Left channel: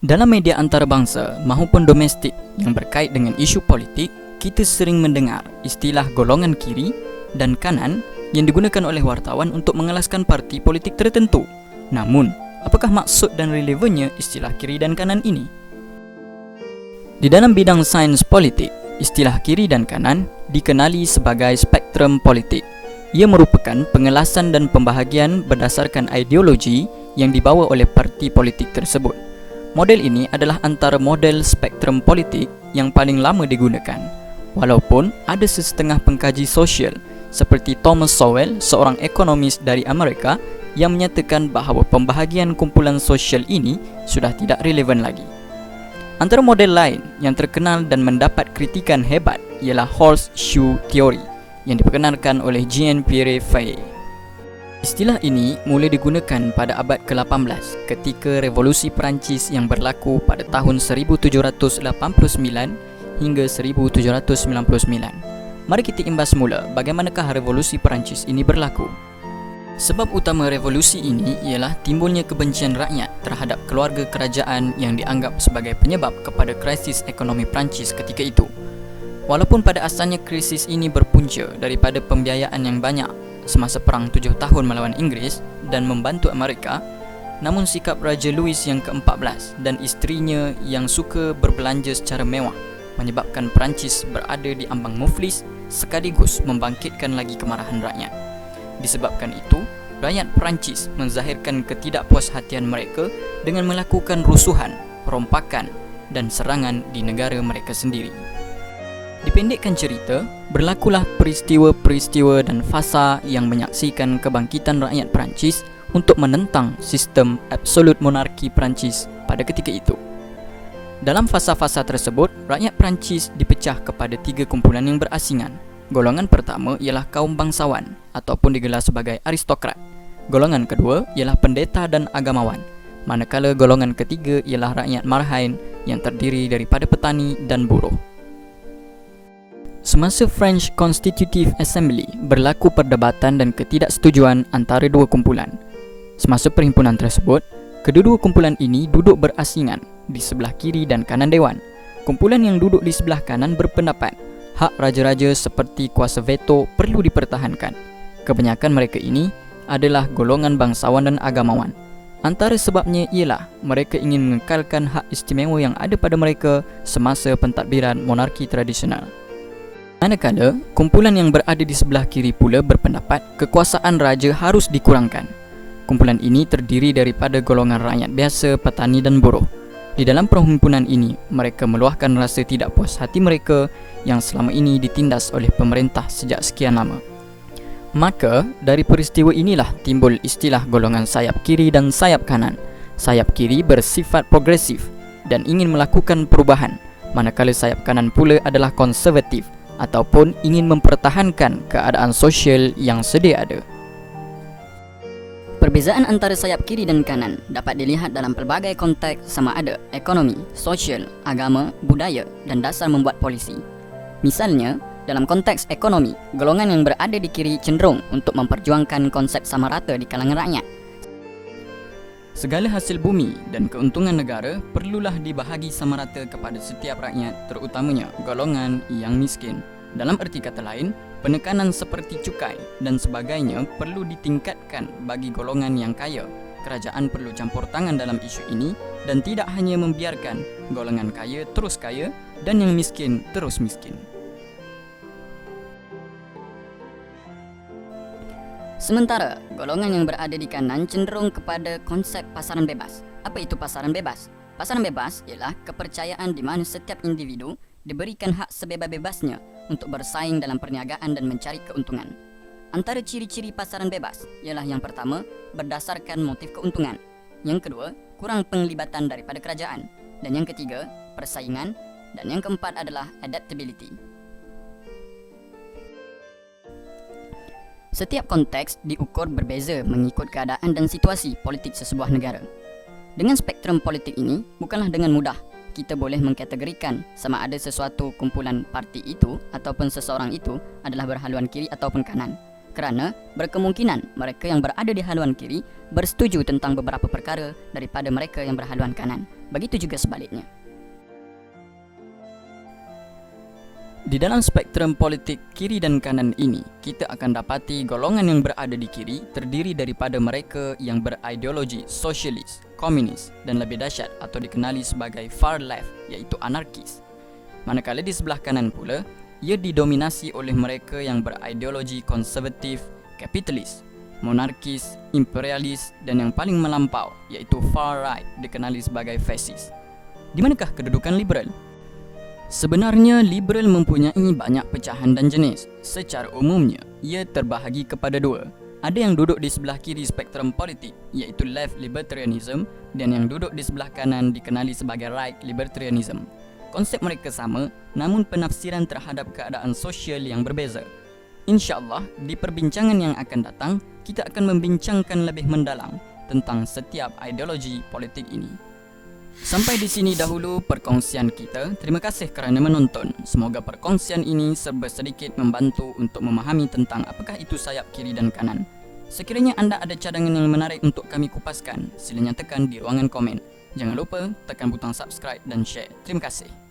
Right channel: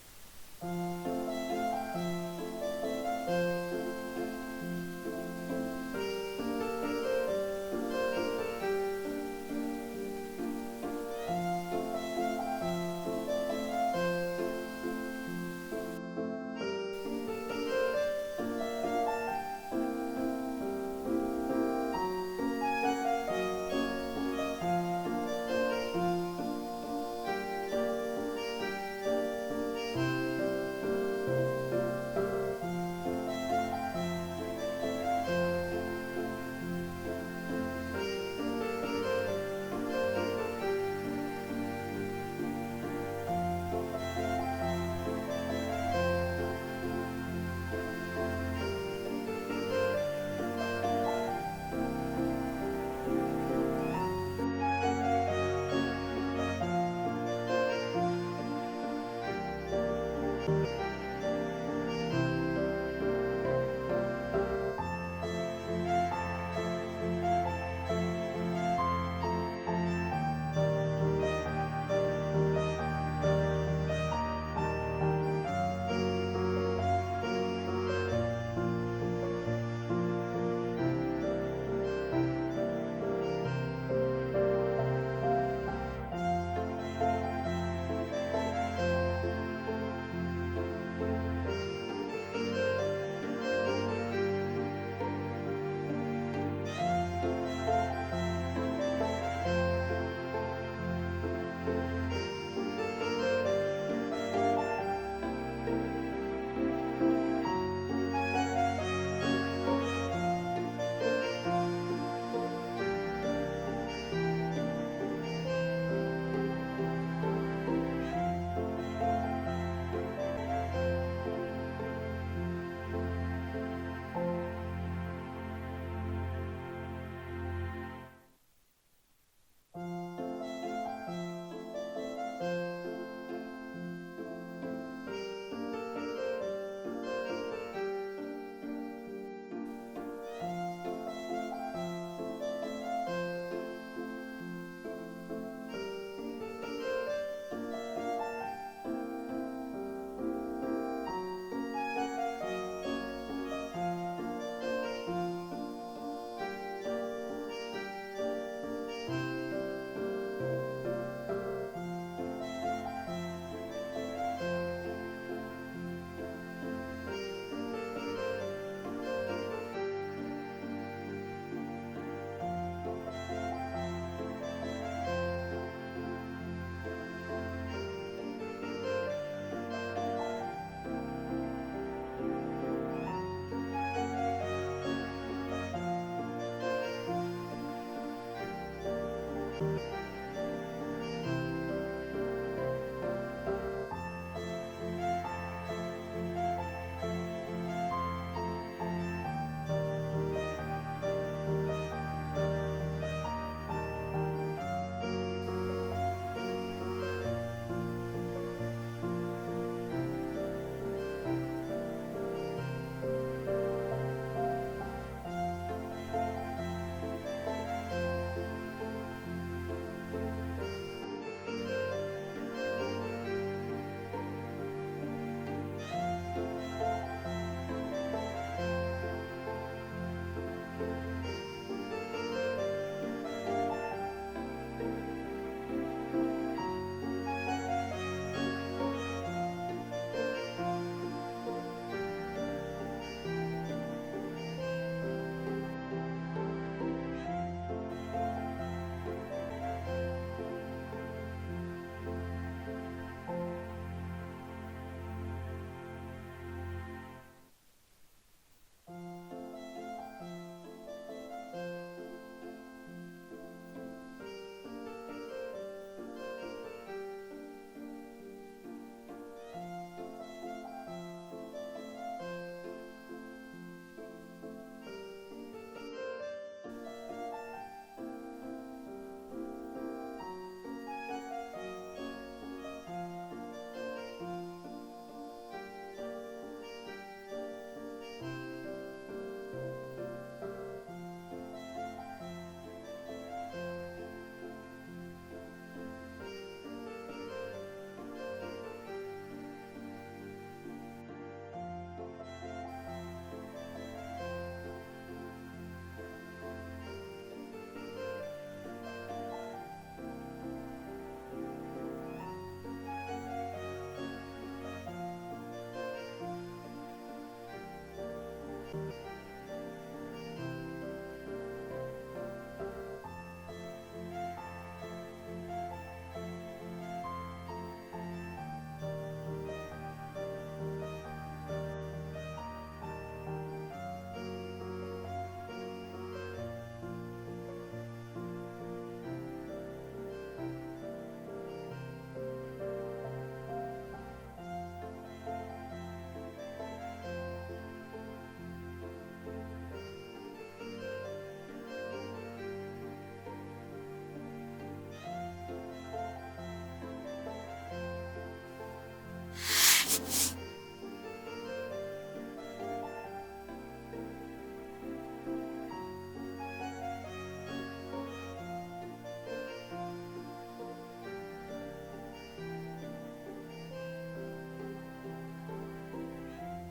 Dalam media antarabangsa maupun domestik yang berkait dengan isu politik, kita sering mendengar istilah golongan kiri dan kanan yang digunakan oleh wartawan untuk mengelaskan parti politik tertentu. Namun, apakah maksud dan relevannya istilah kiri dan kanan ini? Di dalam bidang sains politik, istilah kiri dan kanan dikenali sebagai spektrum politik. Ia merupakan pengelasan dan pembahagian berdasarkan ideologi yang dibawa oleh parti politik tersebut. Model ini adalah antara model spektrum politik yang paling lama digunakan. Walaupun ada sesetengah pengkaji sosial seperti Thomas Sowell, seorang ekonomis dari Amerika, yang menyatakan bahawa pembahagian kumpulan sosial ini sudah tidak relevan lagi. Antara model lain yang terkenal dan mendapat kritikan hebat ialah horseshoe theory yang diperkenalkan oleh Jean-Pierre Faye. Istilah ini mula digunakan pada abad ke-18 ketika Revolusi Perancis yang berlaku pada tahun 1789 hingga 1799. Mari kita imbas semula bagaimanakah Revolusi Perancis ini berlaku. Sebab utama revolusi ini ialah timbulnya kebencian rakyat terhadap keluarga kerajaan yang dianggap sebagai penyebab kepada krisis ekonomi Perancis ketika itu. Walaupun pada asalnya krisis ini berpunca daripada pembiayaan yang banyak semasa Perang 7 tahun melawan Inggeris dan membantu Amerika, namun sikap Raja Louis yang ke-14 dan isterinya yang suka berbelanja secara mewah menyebabkan Perancis berada di ambang muflis sekaligus membangkitkan lagi kemarahan rakyat. Disebabkan itu, rakyat Perancis menzahirkan ketidakpuashatian mereka dengan melakukan rusuhan, perompakan dan serangan di negara mereka sendiri. Dipendekkan cerita, berlakulah peristiwa-peristiwa dan fasa yang menyaksikan kebangkitan rakyat Perancis untuk menentang sistem absolut monarki Perancis pada ketika itu. Dalam fasa-fasa tersebut, rakyat Perancis dipecah kepada 3 kumpulan yang berasingan. Golongan pertama ialah kaum bangsawan ataupun digelar sebagai aristokrat. Golongan kedua ialah pendeta dan agamawan. Manakala golongan ketiga ialah rakyat marhain yang terdiri daripada petani dan buruh. Semasa French Constitutive Assembly berlaku perdebatan dan ketidaksetujuan antara 2 kumpulan. Semasa perhimpunan tersebut, kedua-dua kumpulan ini duduk berasingan di sebelah kiri dan kanan dewan. Kumpulan yang duduk di sebelah kanan berpendapat hak raja-raja seperti kuasa veto perlu dipertahankan. Kebanyakan mereka ini adalah golongan bangsawan dan agamawan. Antara sebabnya ialah mereka ingin mengekalkan hak istimewa yang ada pada mereka semasa pentadbiran monarki tradisional. Manakala, kumpulan yang berada di sebelah kiri pula berpendapat kekuasaan raja harus dikurangkan. Kumpulan ini terdiri daripada golongan rakyat biasa, petani dan buruh. Di dalam perhimpunan ini, mereka meluahkan rasa tidak puas hati mereka yang selama ini ditindas oleh pemerintah sejak sekian lama. Maka, dari peristiwa inilah timbul istilah golongan sayap kiri dan sayap kanan. Sayap kiri bersifat progresif dan ingin melakukan perubahan, manakala sayap kanan pula adalah konservatif ataupun ingin mempertahankan keadaan sosial yang sedia ada. Perbezaan antara sayap kiri dan kanan dapat dilihat dalam pelbagai konteks sama ada ekonomi, sosial, agama, budaya dan dasar membuat polisi. Misalnya, dalam konteks ekonomi, golongan yang berada di kiri cenderung untuk memperjuangkan konsep sama rata di kalangan rakyat. Segala hasil bumi dan keuntungan negara perlulah dibahagi sama rata kepada setiap rakyat, terutamanya golongan yang miskin. Dalam erti kata lain, penekanan seperti cukai dan sebagainya perlu ditingkatkan bagi golongan yang kaya. Kerajaan perlu campur tangan dalam isu ini dan tidak hanya membiarkan golongan kaya terus kaya dan yang miskin terus miskin. Sementara, golongan yang berada di kanan cenderung kepada konsep pasaran bebas. Apa itu pasaran bebas? Pasaran bebas ialah kepercayaan di mana setiap individu diberikan hak sebebas-bebasnya untuk bersaing dalam perniagaan dan mencari keuntungan. Antara ciri-ciri pasaran bebas ialah yang pertama, berdasarkan motif keuntungan. Yang kedua, kurang penglibatan daripada kerajaan. Dan yang ketiga, persaingan. Dan yang keempat adalah adaptability. Setiap konteks diukur berbeza mengikut keadaan dan situasi politik sesebuah negara. Dengan spektrum politik ini, bukanlah dengan mudah kita boleh mengkategorikan sama ada sesuatu kumpulan parti itu ataupun seseorang itu adalah berhaluan kiri ataupun kanan. kerana berkemungkinan mereka yang berada di haluan kiri bersetuju tentang beberapa perkara daripada mereka yang berhaluan kanan. Begitu juga sebaliknya. Di dalam spektrum politik kiri dan kanan ini, kita akan dapati golongan yang berada di kiri terdiri daripada mereka yang berideologi sosialis, komunis dan lebih dahsyat atau dikenali sebagai far left, iaitu anarkis. Manakala di sebelah kanan pula, ia didominasi oleh mereka yang berideologi konservatif, kapitalis, monarkis, imperialis dan yang paling melampau, iaitu far right, dikenali sebagai fasis. Di manakah kedudukan liberal? Sebenarnya, liberal mempunyai banyak pecahan dan jenis. Secara umumnya, ia terbahagi kepada dua. Ada yang duduk di sebelah kiri spektrum politik, iaitu left libertarianism, dan yang duduk di sebelah kanan dikenali sebagai right libertarianism. Konsep mereka sama, namun penafsiran terhadap keadaan sosial yang berbeza. InsyaAllah, di perbincangan yang akan datang, kita akan membincangkan lebih mendalam tentang setiap ideologi politik ini. Sampai di sini dahulu perkongsian kita. Terima kasih kerana menonton. Semoga perkongsian ini serba sedikit membantu untuk memahami tentang apakah itu sayap kiri dan kanan. Sekiranya anda ada cadangan yang menarik untuk kami kupaskan, sila nyatakan di ruangan komen. Jangan lupa tekan butang subscribe dan share. Terima kasih.